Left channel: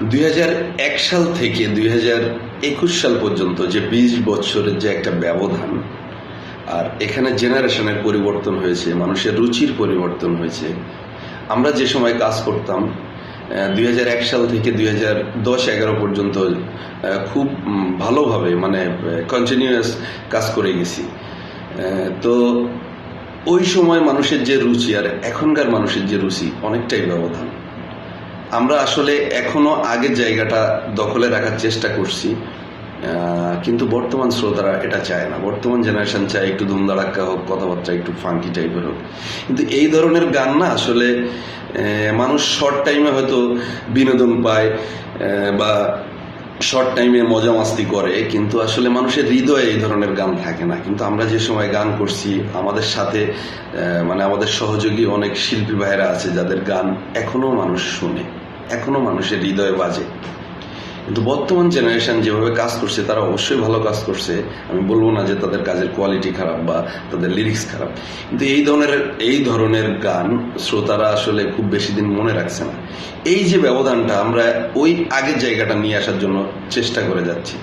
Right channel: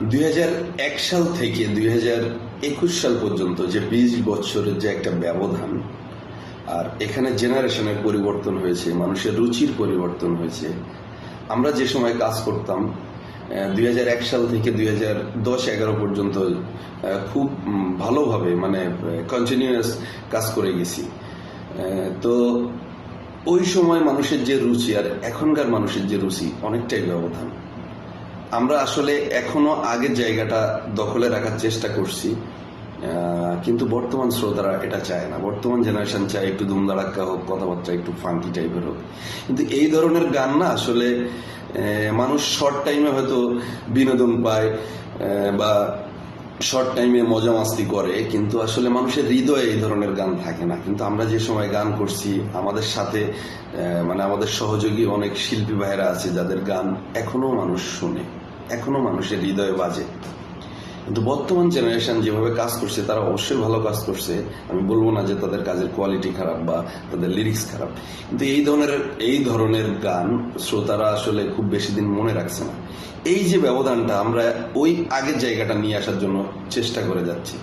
2001 সাল থেকে 2021 সাল পর্যন্ত যে 20 বছরের যে একটা ব্যবধান, আর এখানে জেনারেশনের পরিবর্তন হয়েছে, মানুষের রুচির পরিবর্তন হয়েছে। আমরা যে সময় কাজ করতাম 2001 সাল থেকে 2010-11 পর্যন্ত খুব ভালোভাবে মানে কন্টিনিউয়াস কাজ করে গেছি। তো ওই সময় মানুষের যে রুচি আর এখনকার মানুষের যে রুচি অনেকটাই ব্যবধান। আমরা আসলে এখনো আগের জায়গাটা দখলে রাখার চেষ্টা করছি, কিন্তু বর্তমান শ্রোতারা এটা চায় না। বর্তমান জেনারেশন চায় একটু ধুমধাড়াক্কা হোক, কথাবার্তা একটু ফাঙ্কি টাইপের হোক। কিন্তু এই ধরনের গান না আসলে মানুষ শর্ট টাইমে হয়তো বিনোদন পায় বা শর্ট টাইমে মজা মাস্তি করে, কিন্তু আসলে মানুষের হৃদয়ে এই ধরনের গান থাকে না। কিন্তু আমরা যে সময় গান করছি, আমাদের সাথে মানে আমাদের সহযোগী অনেক শিল্পী ভাইয়েরা আছে যাদের গান এখনো মানুষ শুনে, এখনো মানুষের হৃদয়ে বাজে। কিন্তু বর্তমান জেনারেশন যেভাবে কাজ করছে তারা অবশ্যই ভালো কাজ করছে, আমি বলবো না যে তাদের কাজের কোয়ালিটি খারাপ বা তাদের লিরিক্স খারাপ, কিন্তু এই ধরনের গান শ্রোতারা আসলে খুব বেশি দিন মনে রাখছে না। এই যে ব্যবধানটা, আমরা ওই আগের জায়গাটা নিয়ে আসার জন্য চেষ্টা করে যাচ্ছি।